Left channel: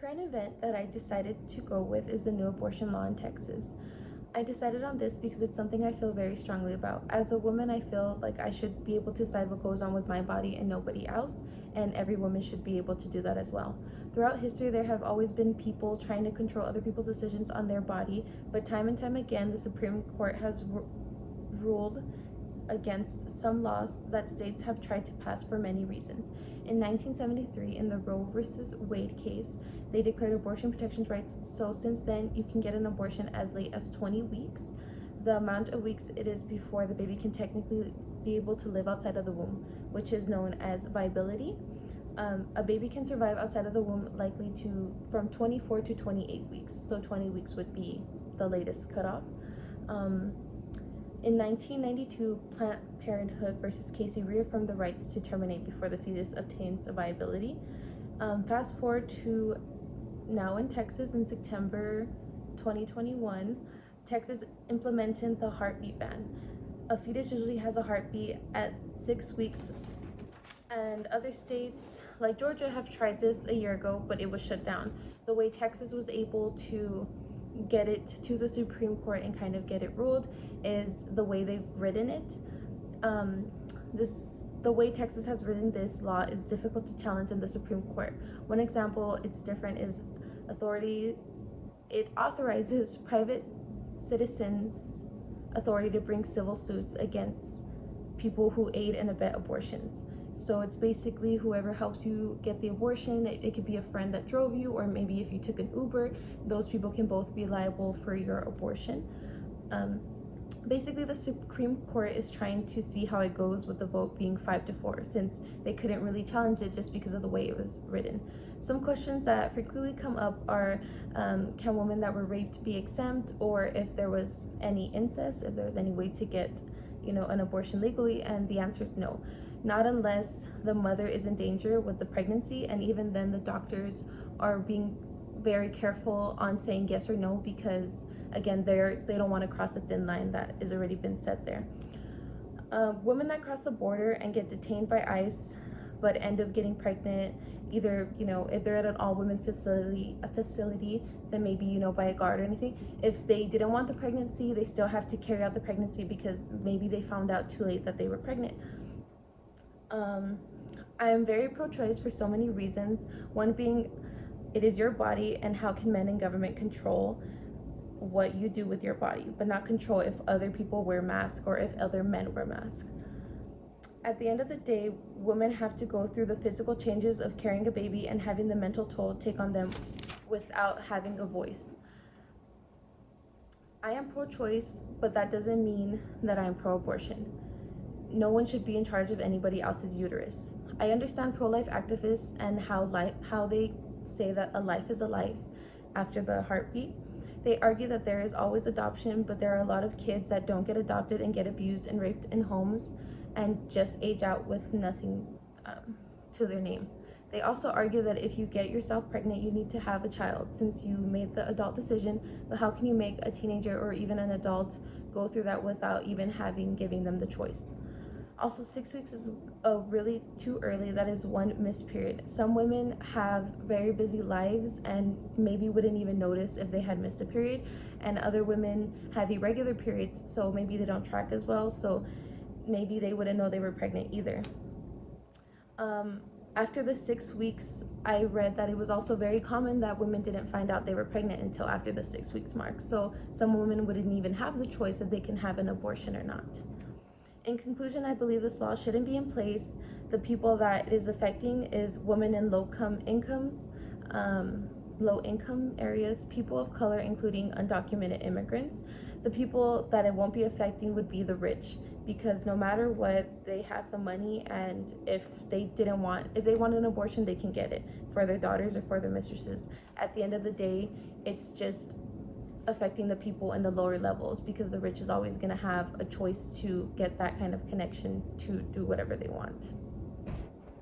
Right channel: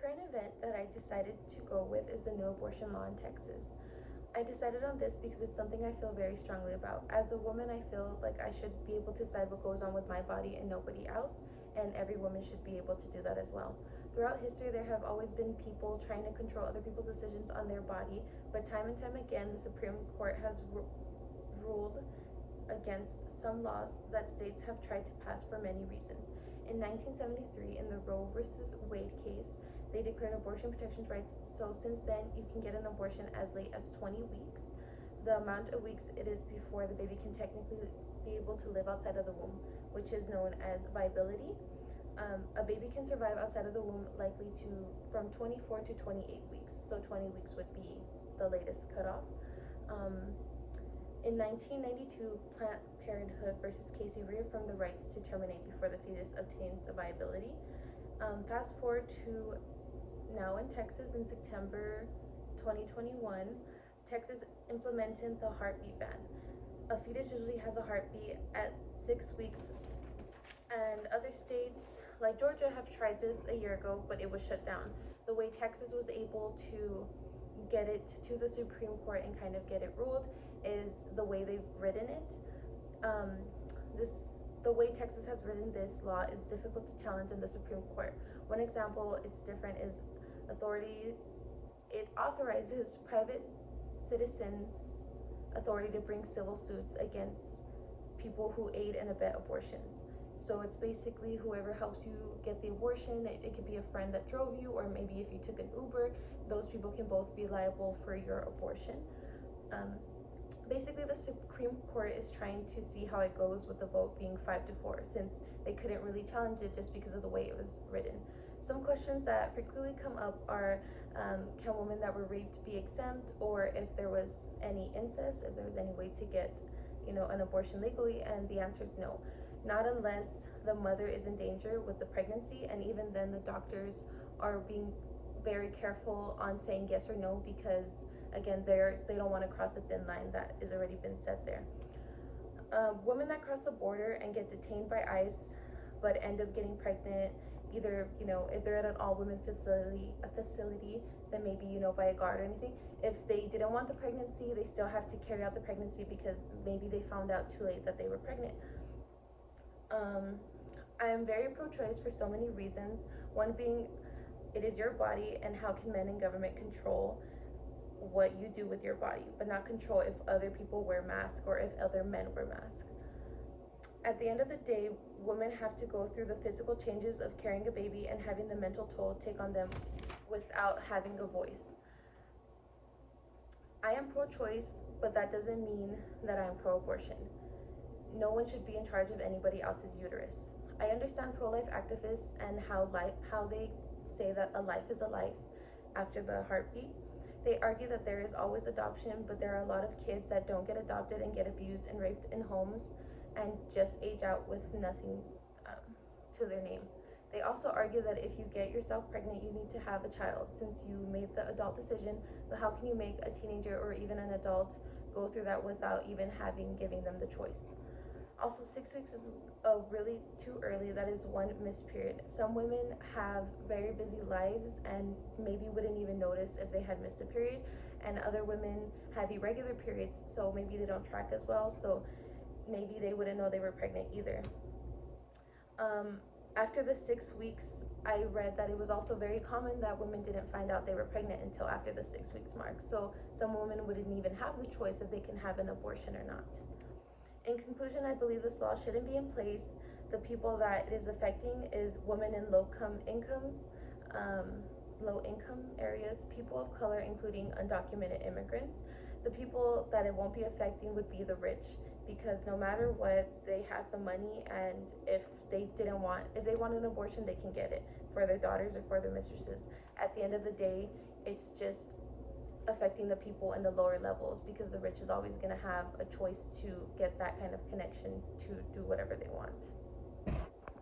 current event that I decided to go with is the new abortion law in Texas. I decided on this because it's something I feel very strongly about. As a woman, I feel like I should be able to decide what goes on with my body and nobody else, and every woman should be able to do that as well. Throughout history, there have always been people trying to control other people's decisions on their body, but time and time again, the Supreme Court has ruled against some laws that states have tried to pass for many reasons. In 1973, in the Roe versus Wade case, they declared abortion protections rights. So since then, you can get an abortion as late as 20 weeks. The amount of weeks it is before the baby can technically be able to live outside of the womb, which is known as viability. A baby can survive outside of the womb likely to from 24 to 28 weeks. So 20 weeks would be the latest cutoff. In 1992, Planned Parenthood versus Casey reaffirmed the rights to terminate before the fetus obtains a viability. Fast forward to now in Texas in September 2021, Texas implemented the heartbeat ban. A fetus usually has a heartbeat at 6 weeks, and other states like Georgia have tried this a year ago, but it was shut down. The way Texas was able to get it to the Supreme Court and kind of get it ruled is the way they've written it. The way Texas has written this law is difficult to challenge in the Supreme Court. One example it's different is it authorizes private citizens authority to bring civil suits against people who aid and abet abortions. So it's basically whoever helps you get the abortion. It could be a friend that drove you, or maybe if you took an Uber, those people can both be liable for your abortion. Basically, the Supreme Court is trying to see how it goes with the vote being 5-4, since they couldn't really challenge it just because of the way it was written. Some questions that frequently come up are, can women that were raped be exempt, or if there was any incest, if there was any way to get, an abortion legally, and the answer is no. Not unless the mother is in danger with the pregnancy, and even then the doctors are being very careful on saying yes or no, because again, they don't want to cross a thin line that has already been set there. Women that cross the border and get detained by ICE but end up getting pregnant, either if they're at an all-women facility, then maybe by a guard or anything. If they didn't want the pregnancy, they still have to carry out the pregnancy because maybe they found out too late that they were pregnant. I am very pro-choice for so many reasons. One being, it is your body, and how can men in government control what you do with your body, but not control if other people wear masks or if other men wear masks. At the end of the day, women have to go through the physical changes of carrying a baby and having the mental toll take on them without having a voice. I am pro-choice, but that doesn't mean that I am pro-abortion. No one should be in charge of anybody else's uterus. I understand pro-life activists and how they say that a life is a life after the heartbeat. They argue that there is always adoption, but there are a lot of kids that don't get adopted and get abused and raped in homes and just age out with nothing to their name. They also argue that if you get yourself pregnant, you need to have a child since you made the adult decision, but how can you make a teenager or even an adult go through that without even giving them the choice? Also, 6 weeks is really too early. That is one missed period. Some women have very busy lives and maybe wouldn't even notice if they had missed a period, and other women have irregular periods, so maybe they don't track as well, so maybe they wouldn't know they were pregnant either. After the 6 weeks, I read that it was also very common that women didn't find out they were pregnant until after the 6 weeks mark, so some women wouldn't even have the choice if they can have an abortion or not. In conclusion, I believe this law shouldn't be in place. The people that it is affecting is women in low income areas, people of color, including undocumented immigrants. The people that it won't be affecting would be the rich, because no matter what, they have the money, and if they want an abortion, they can get it for their daughters or for their mistresses. At the end of the day, it's just affecting the people in the lower levels, because the rich is always going to have a choice to get that kind of connection to do whatever they want.